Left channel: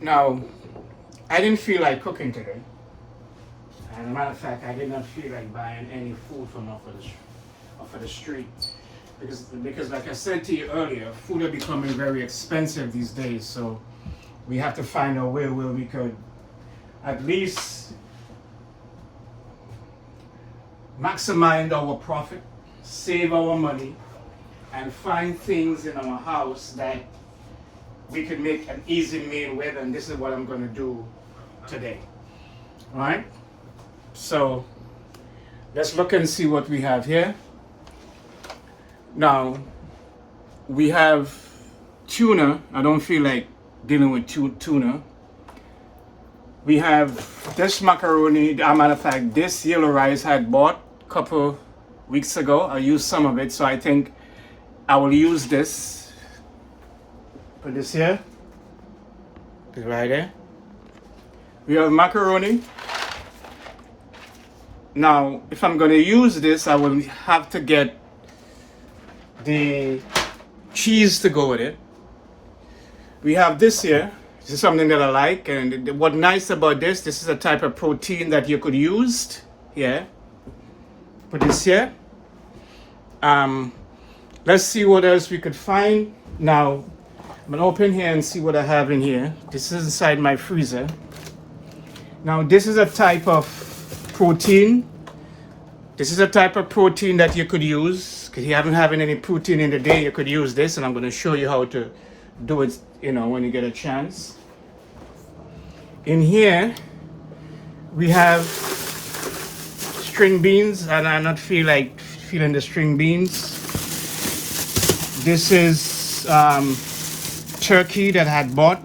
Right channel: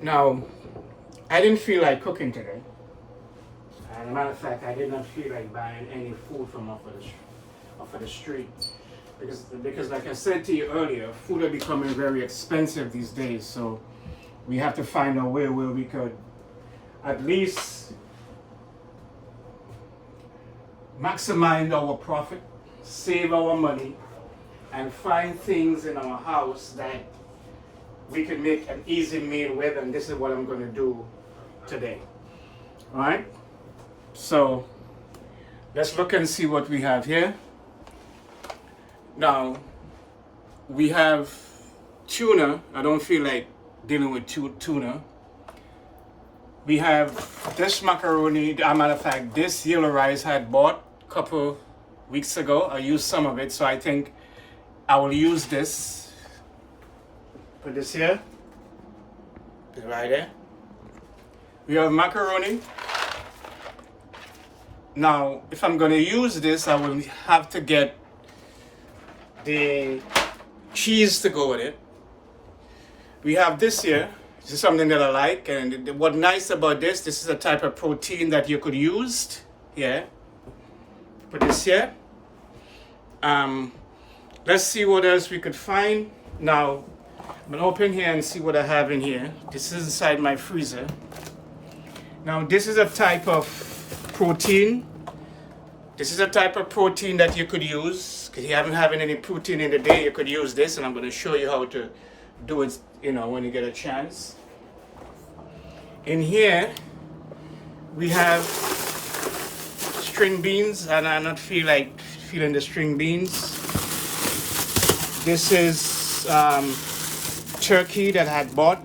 Now, I didn't feel like cooking today. As a matter of fact, I did not feel like buying any food from off of the street. Because like I said to you earlier, food are becoming very expensive these days. So we have to find a way where we could at least maximize our profit, save our money, and find things in our house that we can make an easy meal with. And this is what I'm going to do today. All right? So let's look and see what we have here. Now, we have tuna. I don't feel like dealing with tuna. We have this macaroni. As a matter of fact, this yellow rice I had bought a couple weeks ago. I used some of it, so I think I will use this. Put this here. It's right there. We have macaroni. Now, if I'm going to use this, I will have to get the cheese to go with it. We have this here. This is something that I like, and what's nice about this is a type of protein that you could use. Yeah. Put this here. Let's see what else we could find. Now, I'm gonna open here and see what I have in here. This is inside my freezer. Now, this is a type of protein. This is a type of protein that you could use. If you haven't having any protein in the day, you could use this, and I'm going to show you how to do it, when you get a chance. In here, we have string beans, and I not feeling the string beans. This is turkey that I had bought.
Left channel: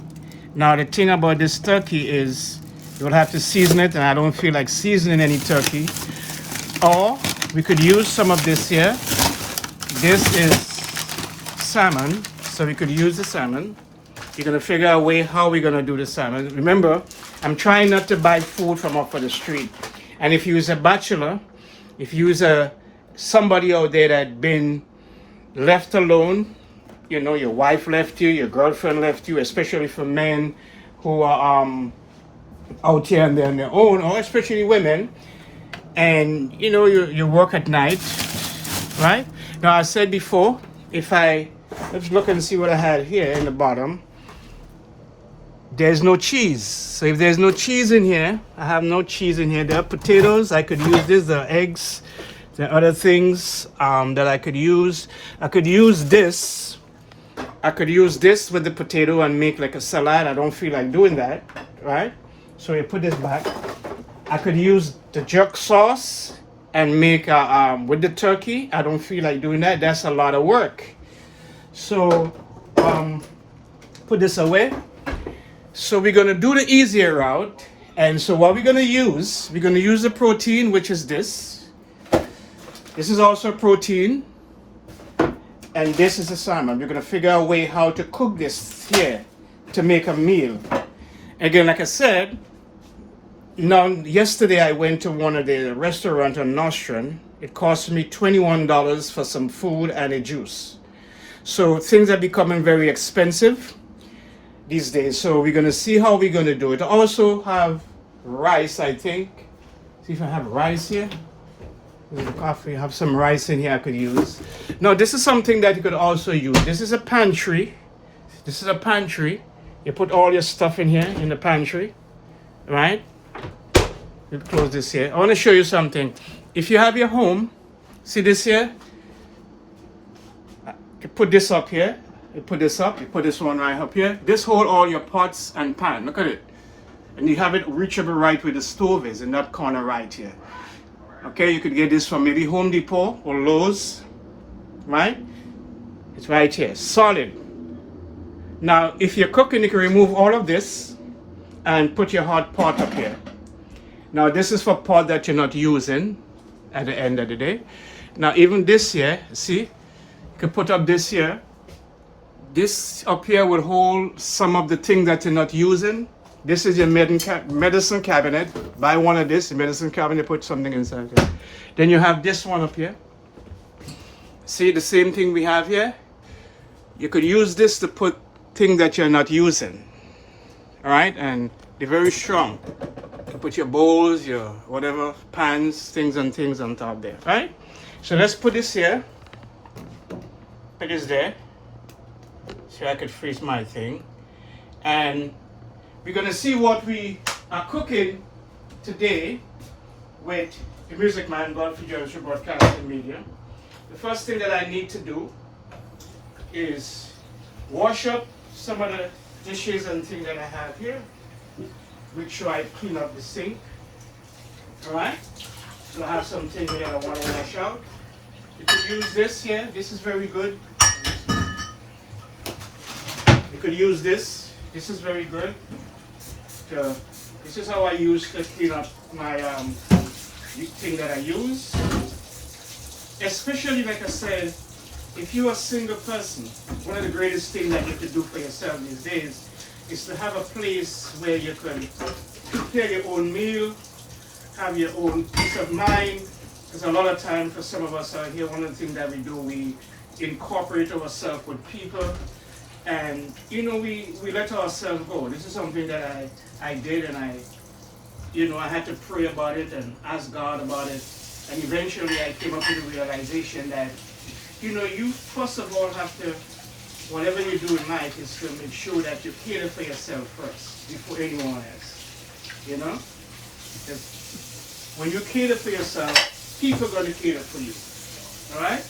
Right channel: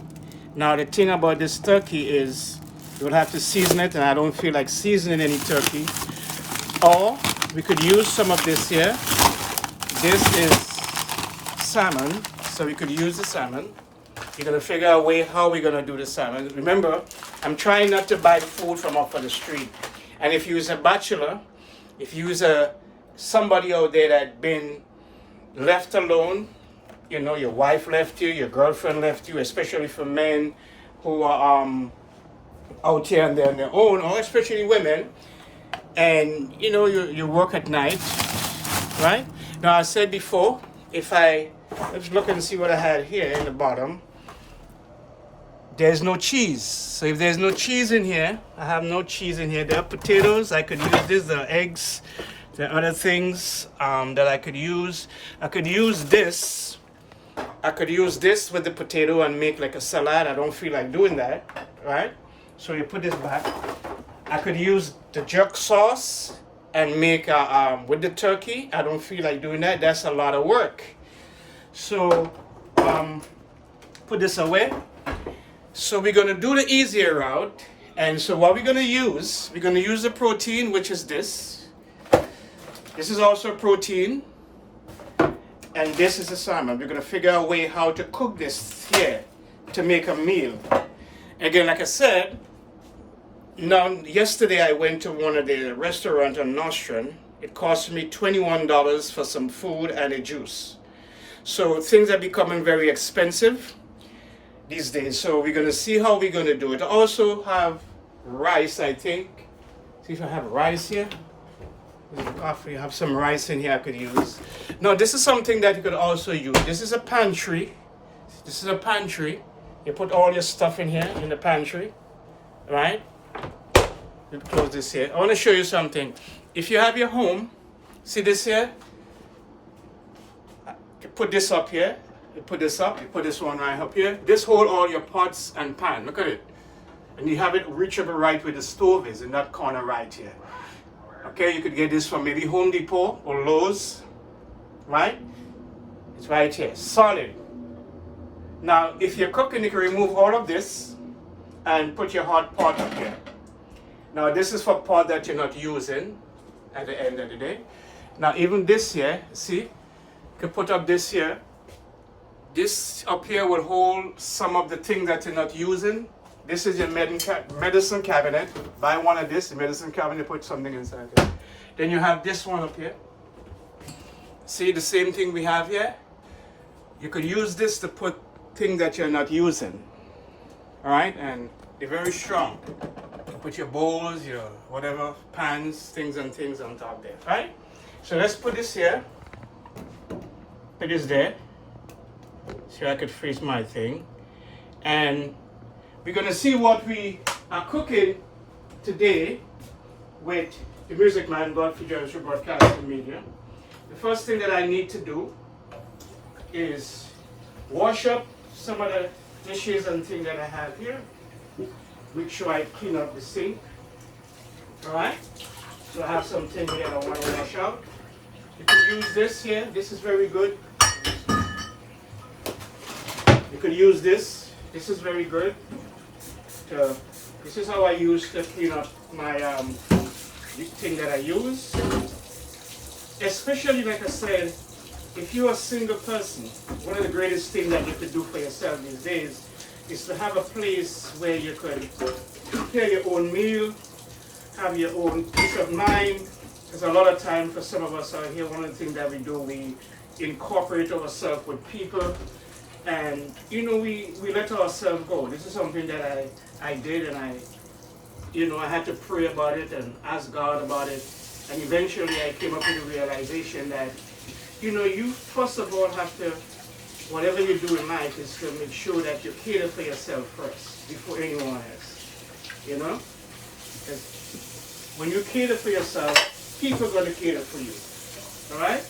Now, the thing about this turkey is you'll have to season it, and I don't feel like seasoning any turkey. Or we could use some of this here. This is salmon, so we could use the salmon. You're gonna figure out a way how we're gonna do the salmon. Remember, I'm trying not to buy food from off of the street. And if you're a bachelor, if you're somebody out there that been left alone, your wife left you, your girlfriend left you, especially for men who are out here and they're on their own, or especially women, and you work at night, right? Now, I said before, let's look and see what I had here in the bottom. There's no cheese. So if there's no cheese in here, I have no cheese in here. There are potatoes. I could use this. There are eggs. There are other things that I could use. I could use this. I could use this with the potato and make like a salad. I don't feel like doing that, right? So you put this back. I could use the jerk sauce and make with the turkey. I don't feel like doing that. That's a lot of work. So put this away. So we're gonna do the easier route. And so what we're gonna use the protein, which is this. This is also protein. And this is the salmon. We're gonna figure out a way how to cook this here to make a meal. Again, like I said, yesterday I went to one of the restaurants on Nostrand. It cost me $21 for some food and a juice. So things are becoming very expensive these days. So we're gonna see how we're gonna do it. I also have rice, I think. See if I have rice here. There's the coffee. I have some rice in here I could use. Now this is something that you could also use. This is a pantry. You put all your stuff in here in the pantry, right? Let's close this here. I want to show you something. If you have your home, see this here? You put this up here. You put this up. You put this one right up here. This hold all your pots and pan. Look at it. And you have it reachable right where the stove is in that corner right here. Okay, you could get this from maybe Home Depot or Lowe's, right? It's right here, solid. Now, if you're cooking, you can remove all of this and put your hot pot up here. Now, this is for pot that you're not using at the end of the day. Now, even this here, see, you can put up this here. This up here will hold some of the things that you're not using. This is your medicine cabinet. Buy one of this, the medicine cabinet, put something inside here. Then you have this one up here. See the same thing we have here? You could use this to put things that you're not using. All right, and they're very strong. You put your bowls, your whatever, pans, things on top there, right? So let's put this here. Put this there. So I could freeze my thing. And we're gonna see what we are cooking today with the Music Man, Godfrey Jones Broadcasting Media. The first thing that I need to do is wash up some of the dishes and things that I have here. Make sure I clean up the sink. Alright? So I have some things that I want to wash out. You could use this here. This is very good. You could use this. This is very good. This is how I use to clean up my the thing that I use. Especially, like I said, if you're a single person, one of the greatest things that you could do for yourself these days is to have a place where you could prepare your own meal, have your own peace of mind. Because a lot of time for some of us out here, one of the things that we do, we incorporate ourselves with people, and we let ourselves go. This is something that I did, and I had to pray about it and ask God about it, and eventually I came up with the realization that you first of all have to, whatever you do in life, is to make sure that you cater for yourself first before anyone else. 'Cause when you cater for yourself, people are going to cater for you. All right?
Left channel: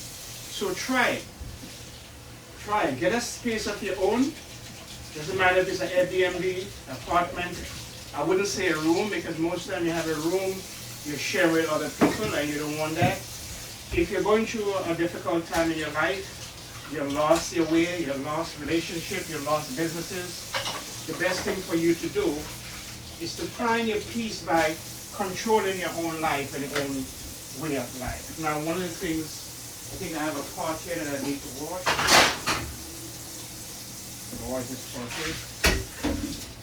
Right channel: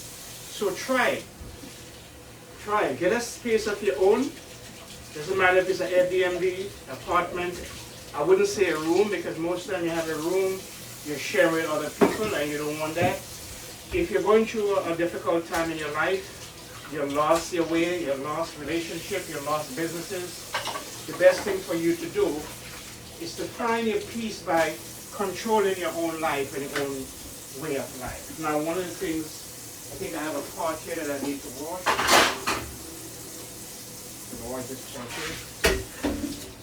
So try it. Try it. Get a space of your own. Doesn't matter if it's an Airbnb, apartment. I wouldn't say a room, because most of the time you have a room, you share with other people, and you don't want that. If you're going through a difficult time in your life, you lost your way, you lost relationship, you lost businesses, the best thing for you to do is to find your peace by controlling your own life and your own way of life. Now, one of the things, I think I have a pot here that I need to wash. So wash this pot here.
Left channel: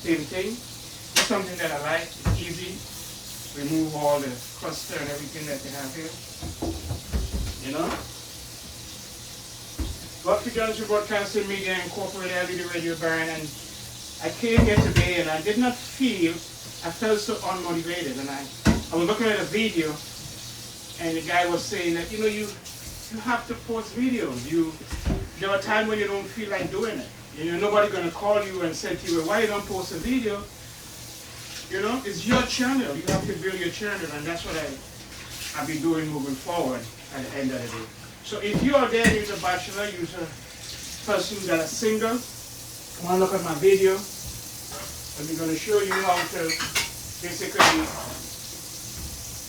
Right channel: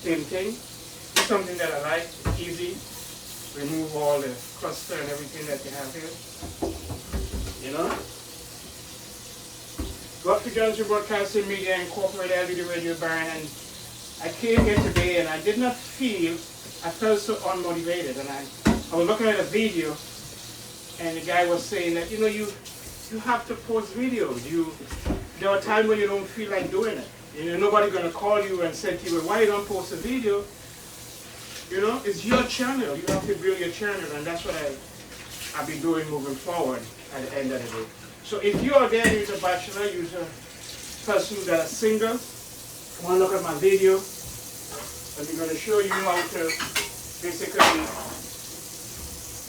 Same thing. It's something that I like. It's easy. Remove all the cluster and everything that you have here. Godfrey Jones Broadcasting Media Incorporated LED Radio Baron, and I came here today and I did not feel, I felt so unmotivated, and I was looking at a video and the guy was saying that you have to post videos. There are times when you don't feel like doing it. Nobody's gonna call you and say to you, why you don't post a video? It's your channel. You have to build your channel, and that's what I'll be doing moving forward at the end of the day. So if you are there, you're a bachelor, you're a person that's single, come on, look at my video, and we're going to show you how to basically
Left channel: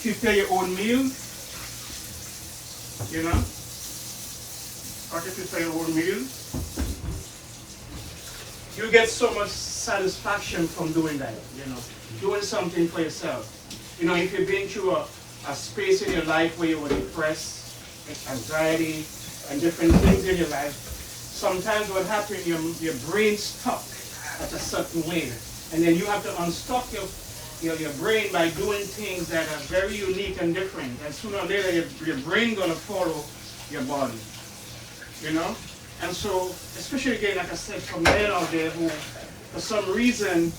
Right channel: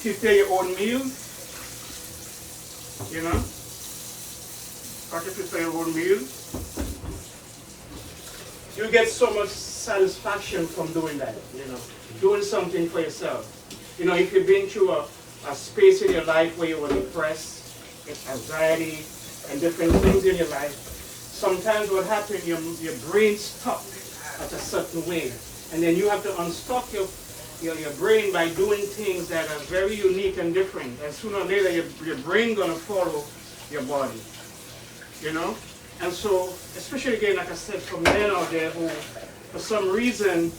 prepare your own meal. How to prepare your own meal. You get so much satisfaction from doing that, doing something for yourself. If you've been through a space in your life where you were depressed, anxiety, and different things in your life, sometimes what happens, your brain stuck at a certain way, and then you have to unstuck your brain by doing things that are very unique and different, and sooner or later your brain gonna follow your body, and so, especially again, like I said, for men out there who, for some reason,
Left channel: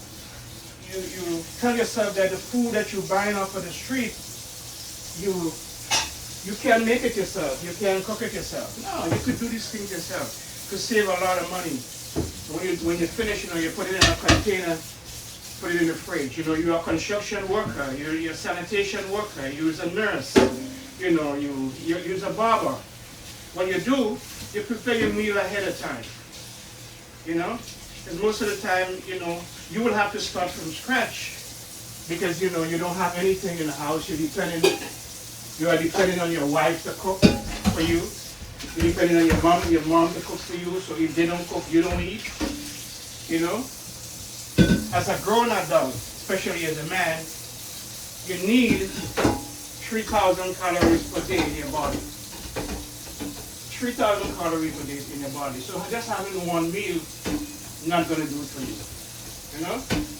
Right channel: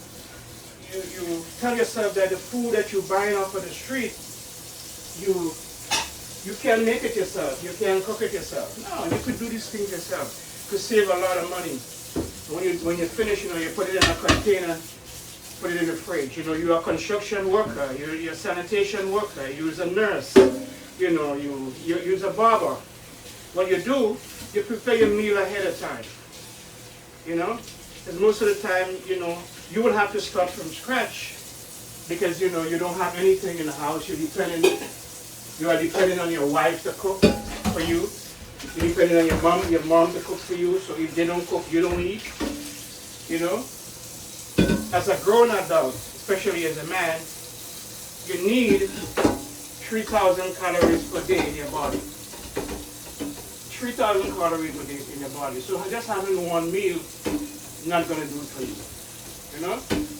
you tell yourself that the food that you're buying off of the street, you can't make it yourself. You can't cook it yourself. No, you could do these things yourself. You could save a lot of money. When you finish, you put it in a container, put it in the fridge. You're a construction worker. You're a sanitation worker. You're a nurse. You're a barber. What you do, you prepare your meal ahead of time. Because most of the time, you will have to start from scratch because, you don't have anything in the house. You are depending on your wife to cook for you. You're depending on your mom to cook for you. So if they don't cook, you don't eat. As a grown adult, especially as a man, you need 3,000 calories per day in your body. 3,000 calories a day in your body. So just having one meal is not going to do it for you.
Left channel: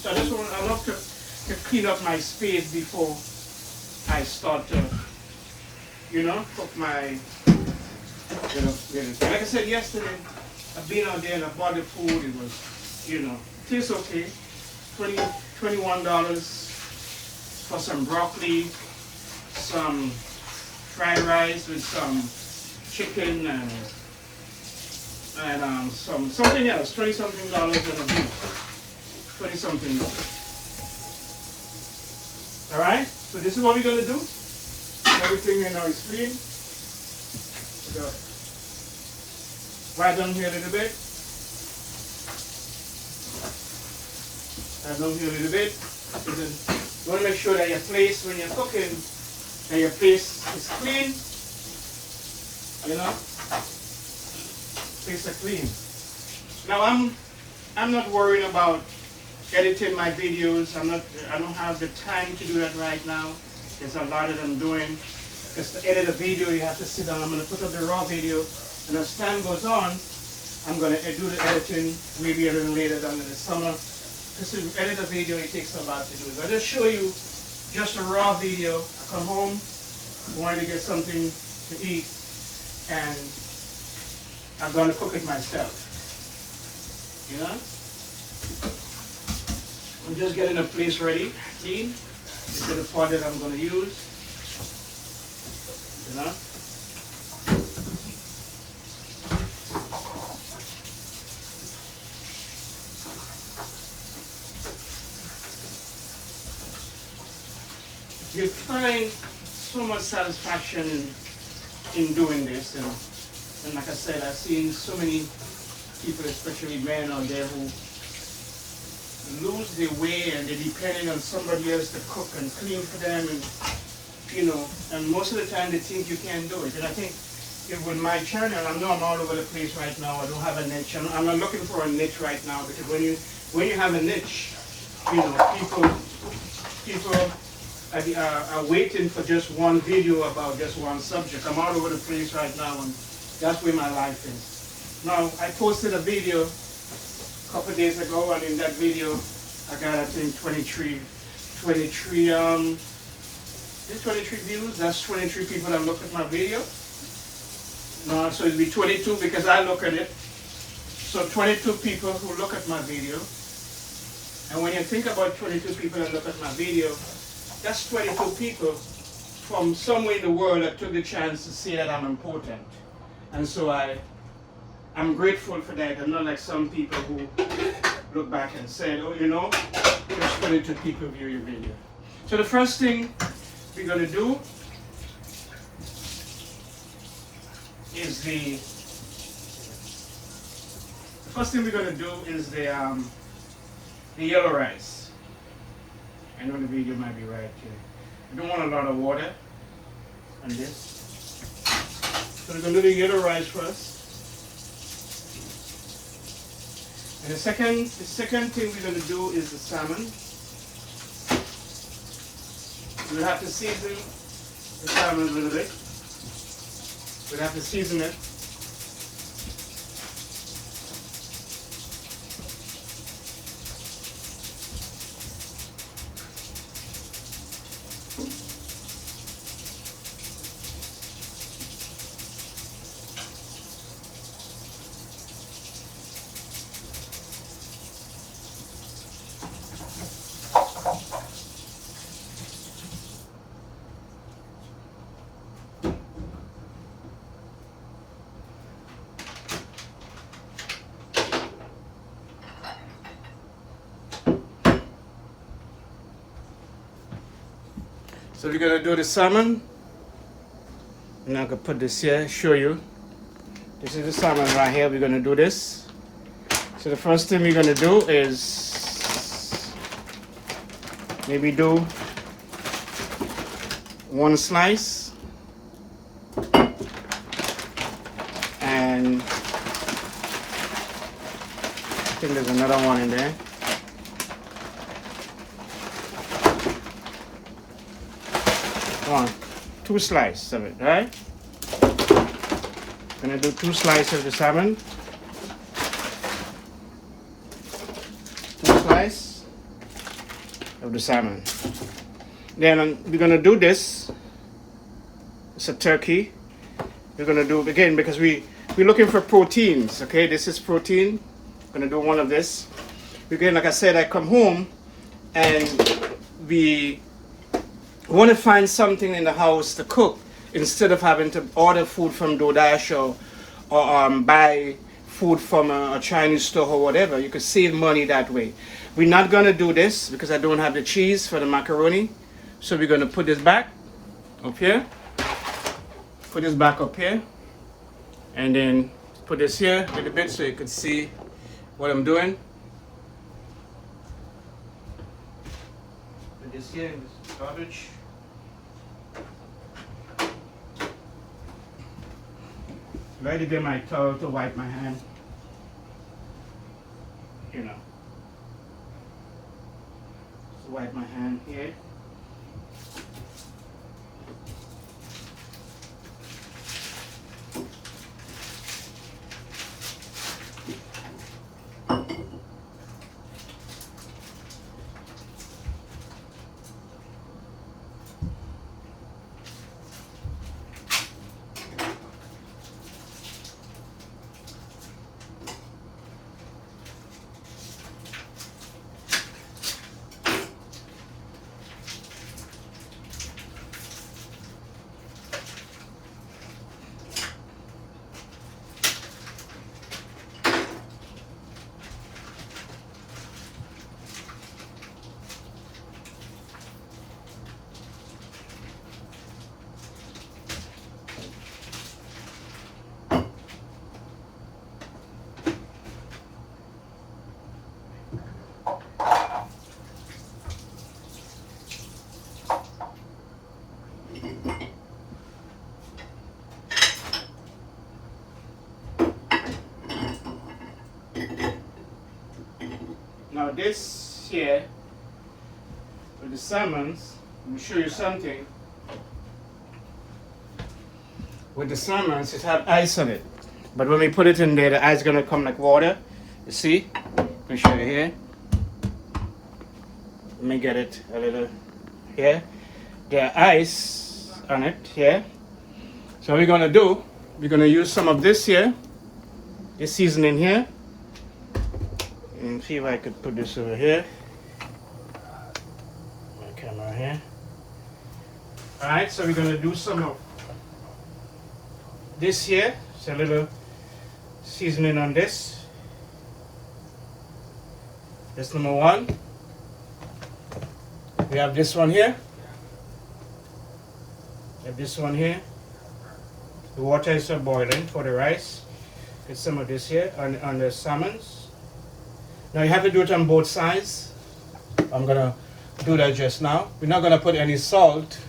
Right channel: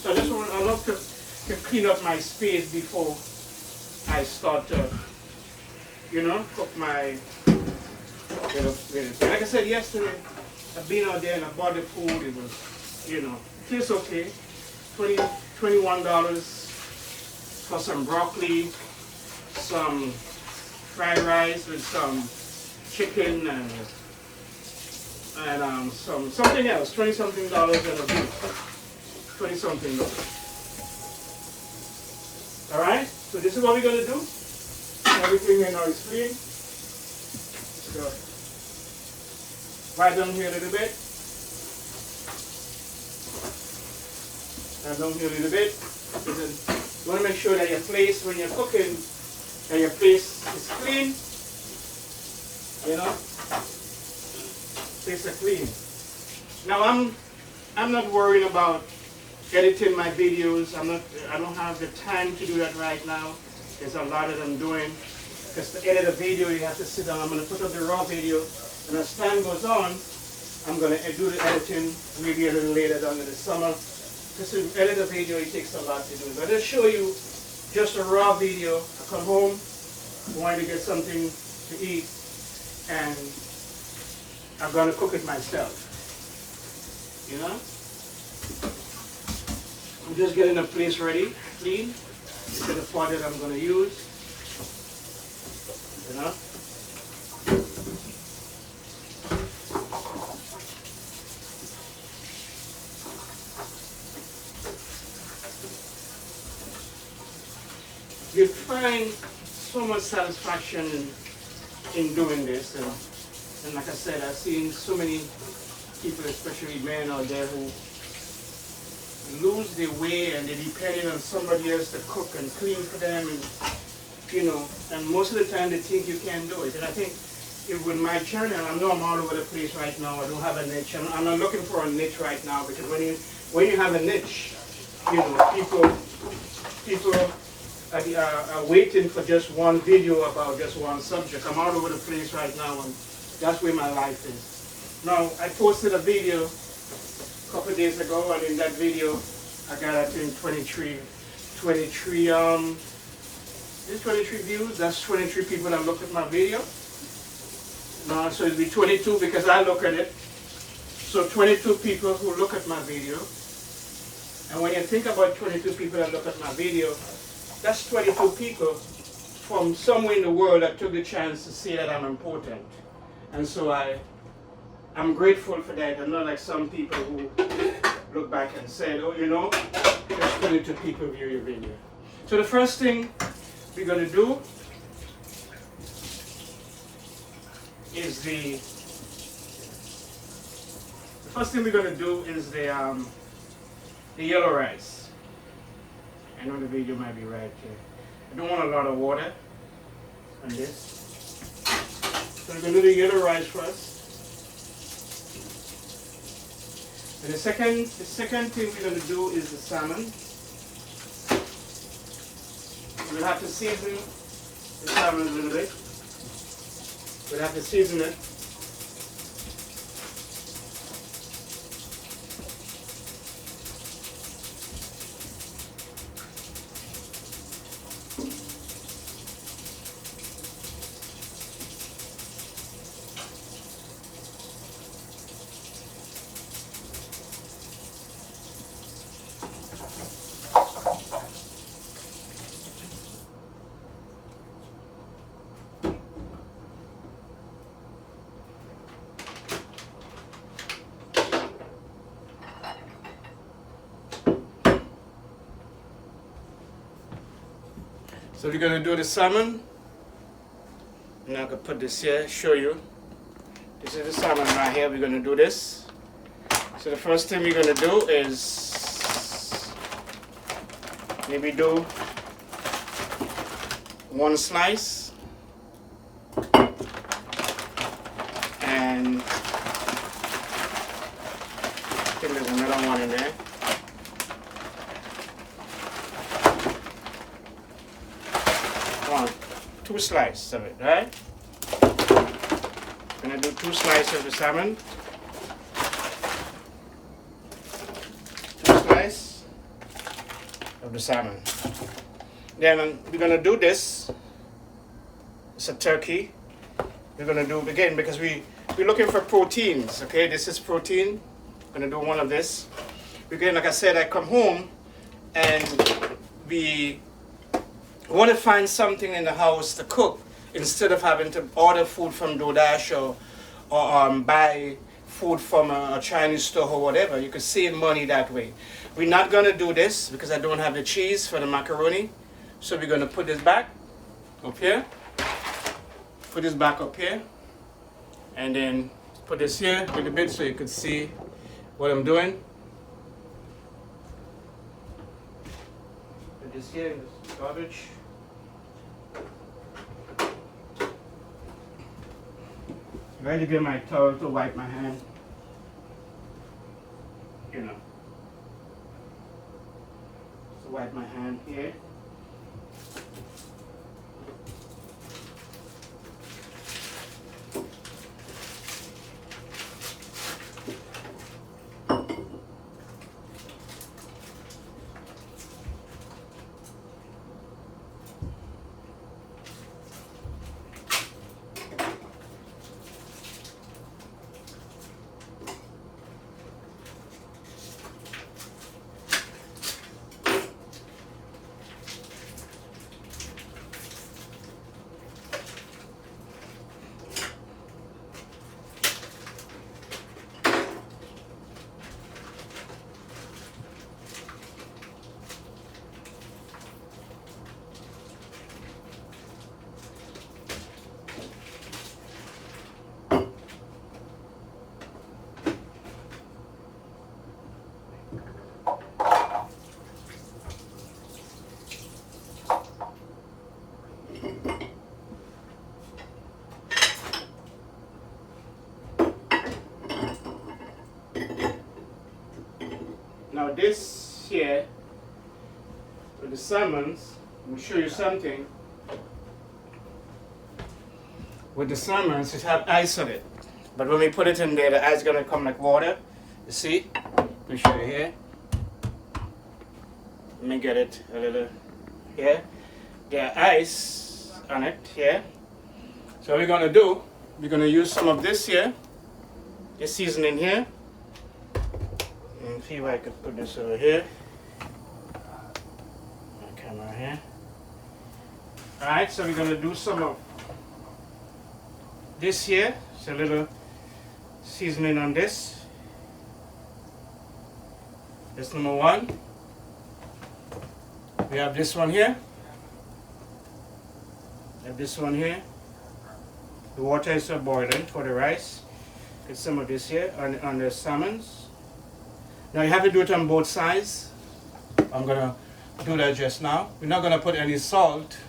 So I love to clean up my space before I start to, cook my, like I said yesterday, I've been out there and I bought the food. It was, tastes okay. $20, $21 for some broccoli, some fried rice with some chicken and something else. $20-something and a beef. $20-something. All right. So this is what we're gonna do. Everything right now is clean. So, right down here a little bit. Right down here a little bit. You want to make sure that your place when you're cooking, that your place is clean. You know, place is clean. Now I'm not worried about editing my videos. I don't have the time to do that right now. There's a lot that I'm doing. Because to edit a video, you have to sit down. I'm going to put up the raw video, and as time goes on, I'm going to do the editing maybe a little later down in the summer. Because to edit a video, it takes a lot to do. But I'll just show you just a raw video. I come home, wanting to get something to eat, and I'm going to cook it myself. You know? I'm just getting the place ready, clean. This is the pot that I'm going to use. You know? You find so much satisfaction in doing this, and like I said, I've seen so many people, especially men out there, who lose their way and they're depending on somebody else to cook and clean for them, and you know, and most of the time they think you can't do it. And I think with my channel, I know I'm all over the place right now. I don't have a niche. I'm not looking for a niche right now, because when you have a niche, you know, people are waiting for just one video about just one subject. I'm all over the place right now, and that's where my life is. Now, I posted a video a couple of days ago, and in that video, I got, I think, 23 views. That's 23 people that look at my video. No, so it'll be 22 because I look at it. So 22 people who look at my video. And when you think about 22 people that look at my video, that's 22 people from somewhere in the world that took the chance to see that I'm important. And so I'm grateful for that. I'm not like some people who look back and said, oh, you know, there's 22 people view your video. So the first thing we're going to do is the yellow rice. I know the video might be right here. I don't want a lot of water on this. So we're going to do the yellow rice first. And the second thing we're going to do is the salmon. We'll have to season the salmon a little bit. We'll have to season it. So we're going to do the salmon, and I'm going to put this here, show you. This is the salmon right here. We're going to do this. So the first thing we're going to do is maybe do one slice, and I think there's another one in there. Two slices of it, right? I'm going to do 2 slices of the salmon. 2 slices of the salmon. Then we're going to do this. It's a turkey. We're going to do it again because we're looking for proteins. Okay, this is protein. I'm going to do one of this. Again, like I said, I come home and we want to find something in the house to cook instead of having to order food from DoorDash or buy food from a Chinese store or whatever. You could save money that way. We're not going to do this because I don't have the cheese for the macaroni. So we're going to put this back up here. Put this back up here. And then put this here a little bit so you can see what I'm doing. Put this here in this garbage. Ready to get my towel to wipe my hand. You know. Just wipe my hand here. Now this here, with the salmons, let me show you something. With the salmons, it has ice on it. But when we put it in there, the ice is going to come like water. You see? Let me show you here. Let me get it a little here. There ice on it here. So what we're going to do, we're going to use some of this here, this seasoning here. And see if I could put this over here. My camera here. Alright, so we're going to do some of this here. It's a little seasoning on this. That's number one. We have this one here. We have this one here. The water is boiling for the rice. Get some of this here on the salmons. Now you have to do it on both sides. I'm gonna do that just now. We're not gonna put any salt.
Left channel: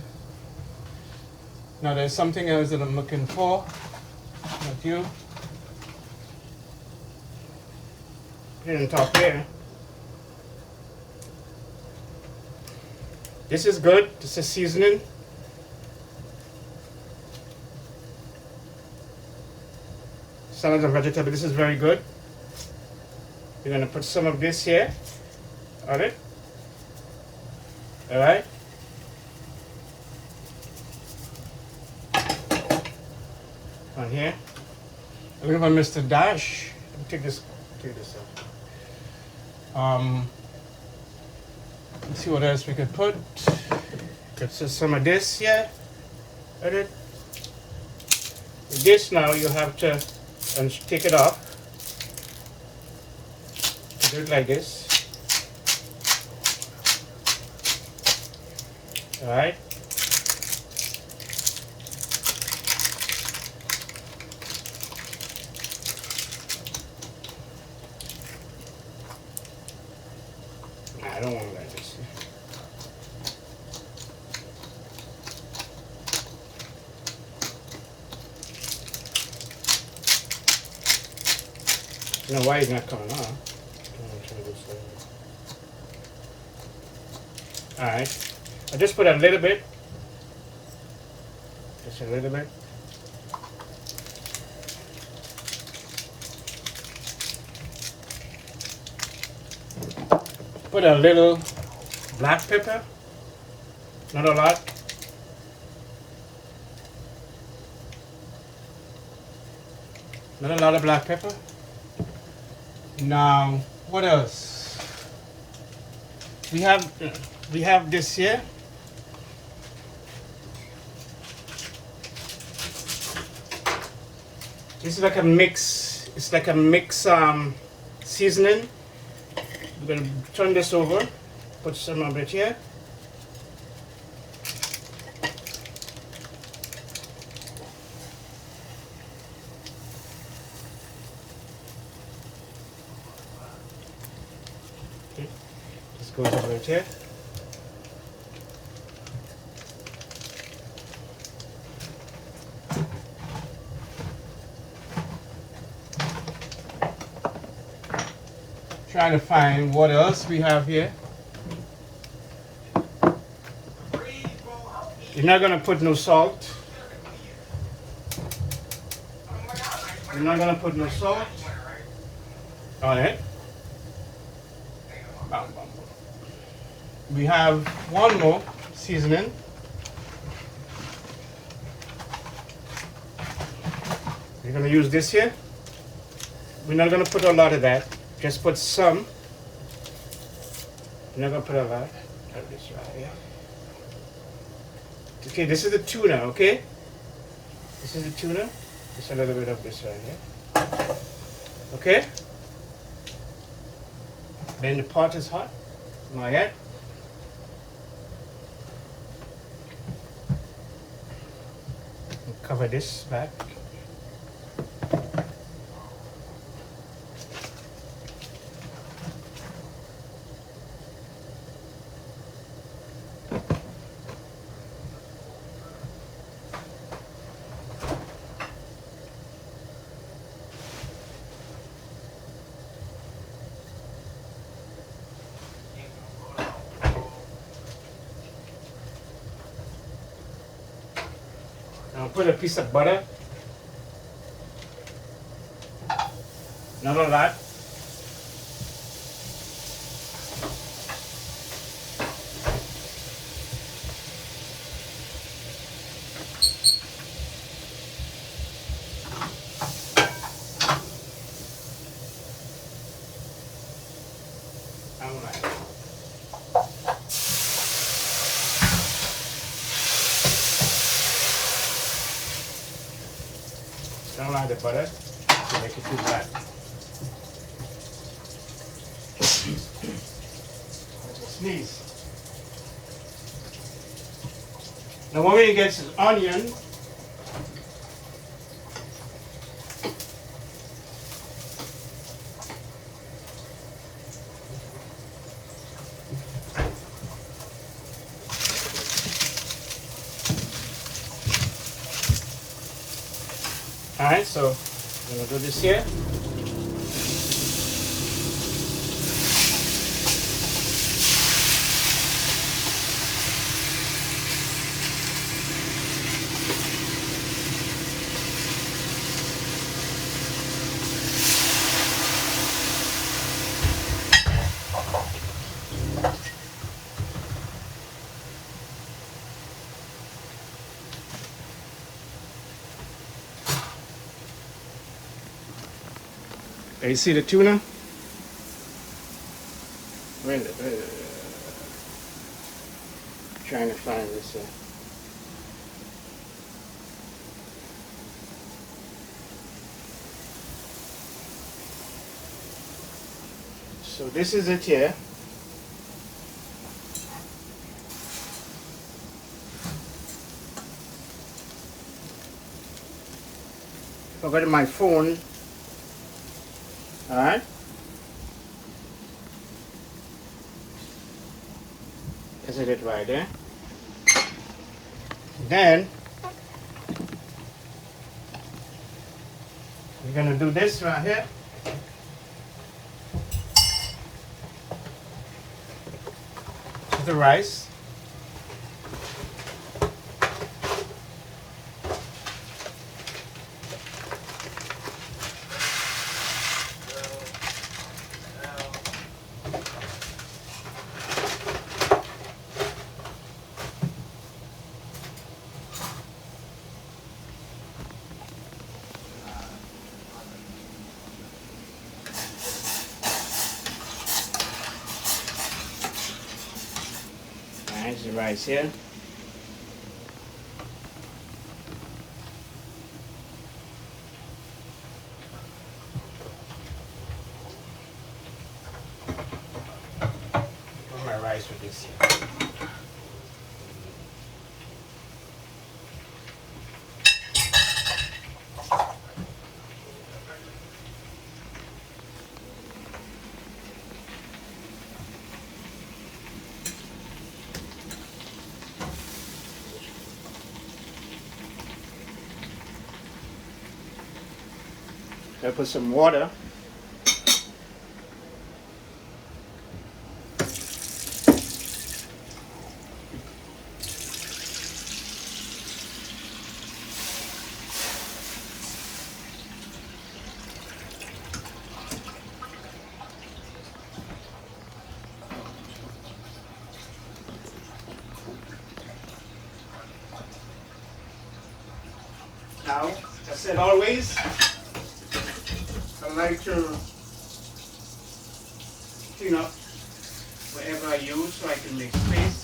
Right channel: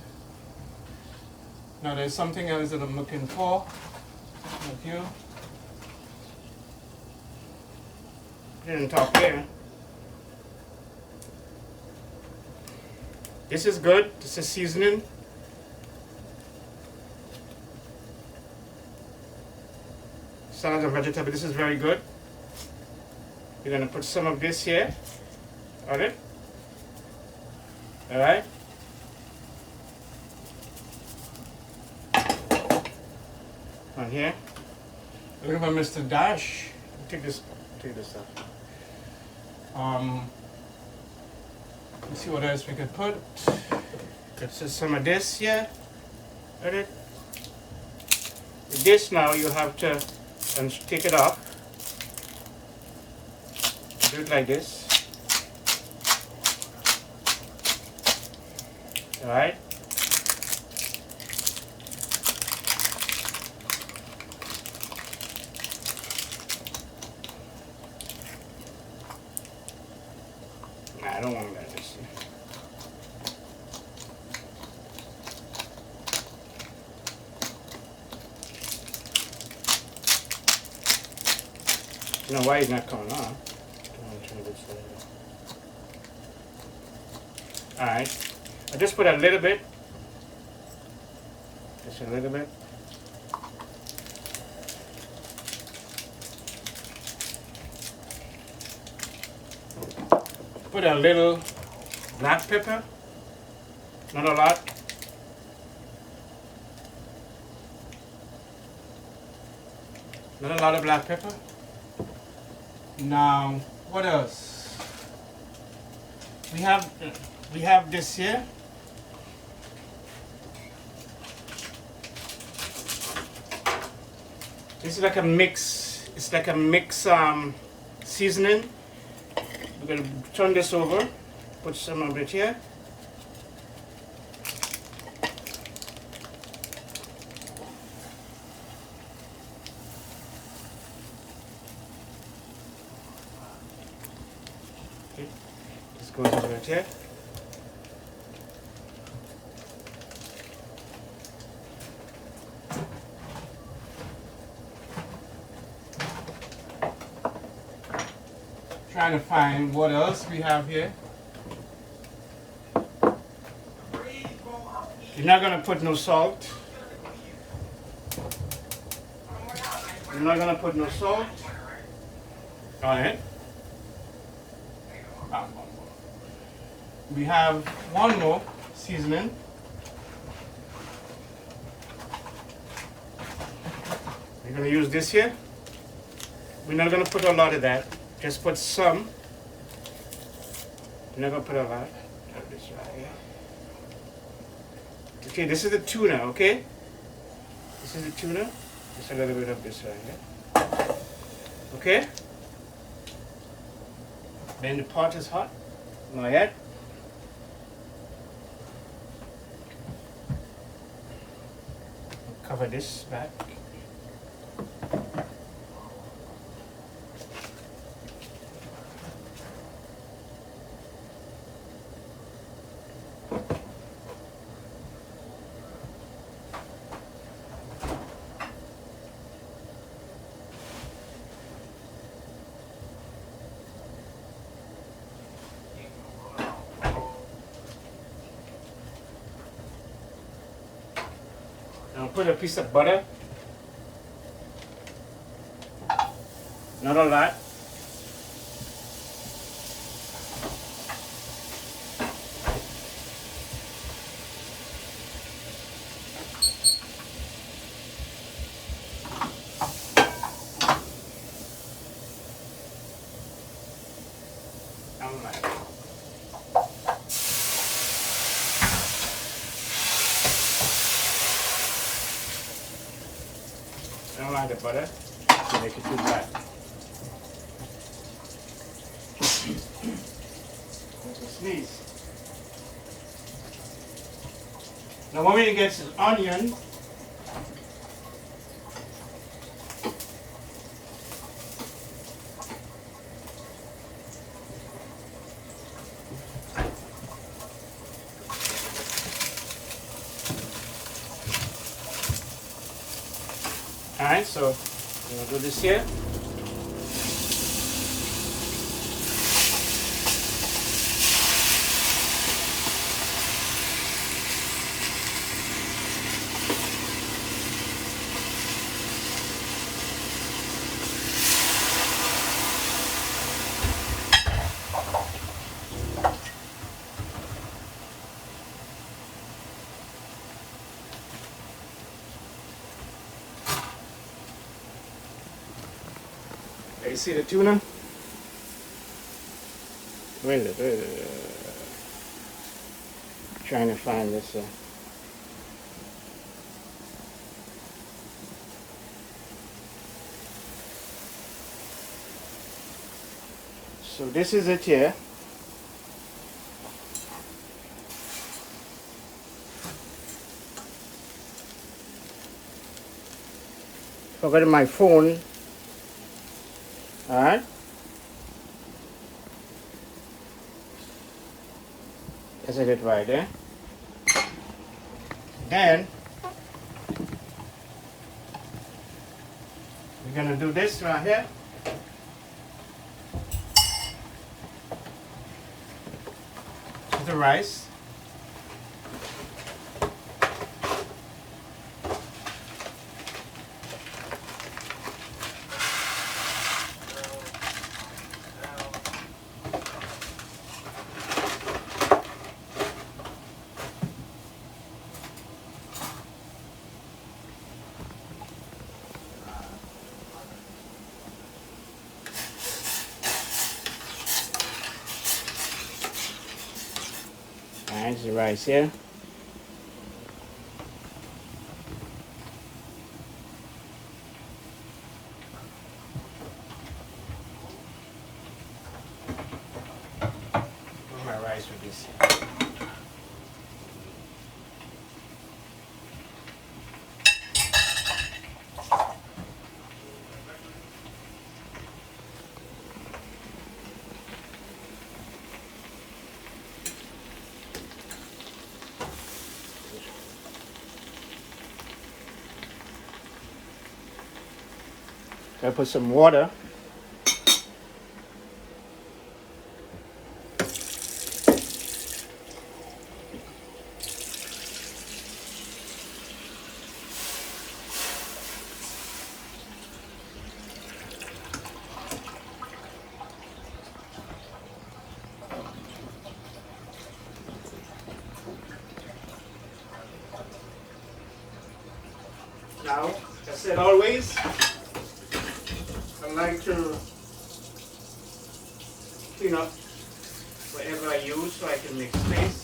Now there's something else that I'm looking for. Not you. Put it on top here. This is good. This is seasoning. Salads and vegetable. This is very good. We're going to put some of this here on it. Alright. On here. A little bit of Mr. Dash. Take this out. Let's see what else we could put. Let's just some of this here. On it. With this now you have to take it off. Do it like this. Alright. Nah, I don't want it like this. I don't know why it's not coming on. Alright, I just put a little bit, just a little bit. Put a little black pepper, not a lot. Not a lot of black pepper. Now, what else? we have this here. This is like a mix. It's like a mix seasoning. We're gonna turn this over. Put some of it here. Okay. This goes over here. Trying to find what else we have here. You're not gonna put no salt. You're not gonna put no salt. All right. We have one more seasoning. We're gonna use this here. We're not gonna put a lot of that. Just put some. I'm not gonna put a lot. Put this right here. Okay, this is the tuna, okay? This is the tuna. Just a little bit of this right here. Okay? Then the pot is hot. Not yet. Cover this back. Now put a piece of butter. Not a lot. I don't like the butter to make it too black. Sneeze. Now when we get onion, alright, so I'm going to do this here. You see the tuna? Where is it? Trying to find this. So this is it here. Forgot my phone. Alright. Isn't it right there? Then we're gonna do this right here. The rice. Nice, the rice here. Put my rice with this. I put some water. Now, I said always, I like to clean up whatever I use so I can make space.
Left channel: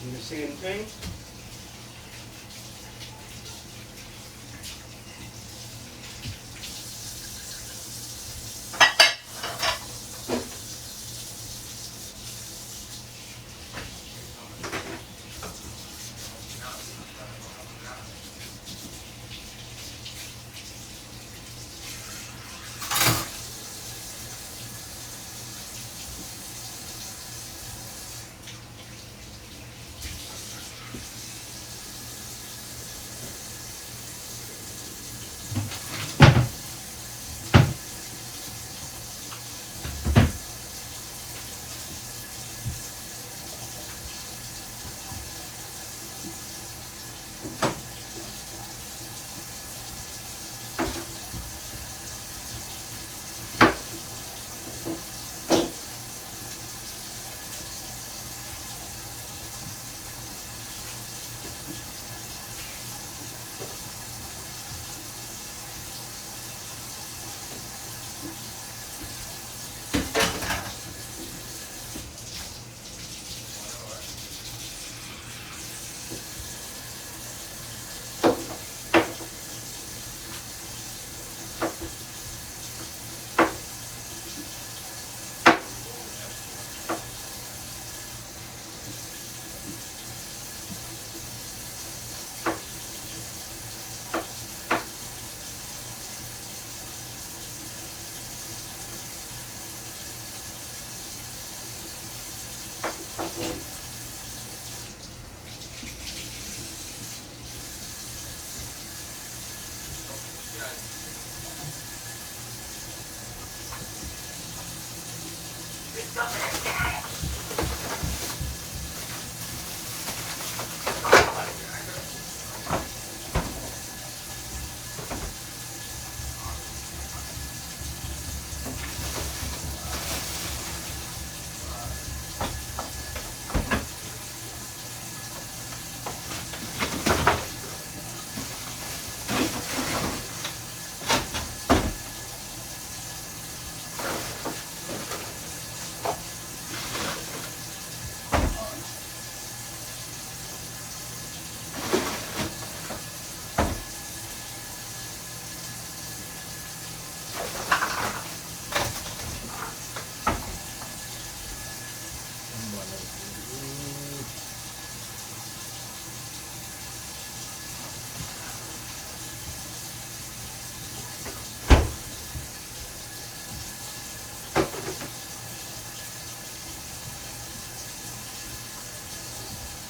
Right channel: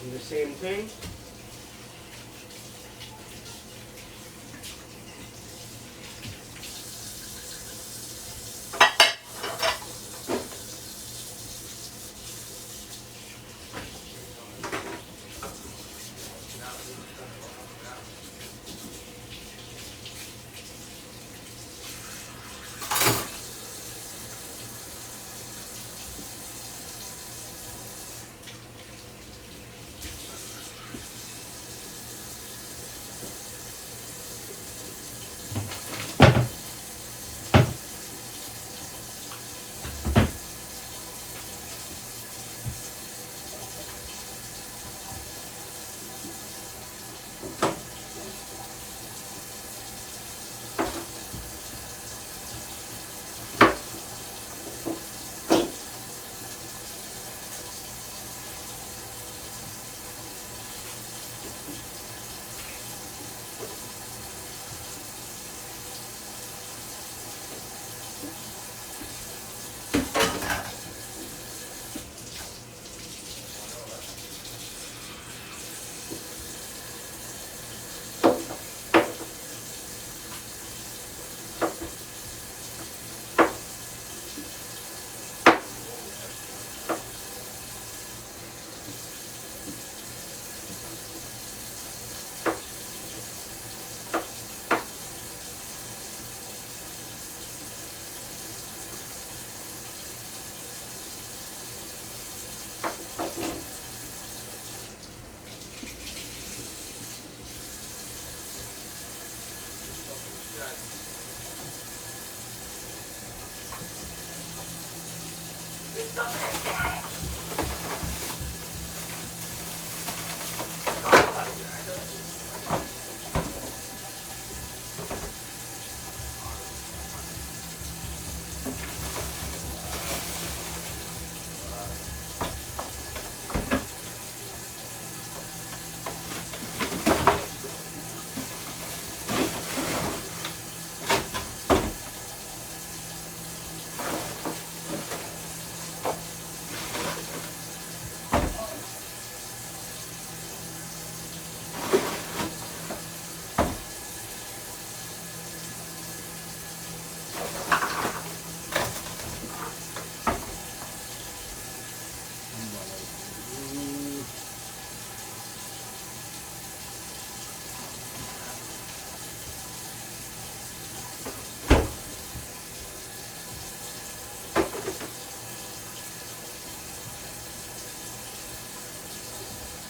Do the same thing.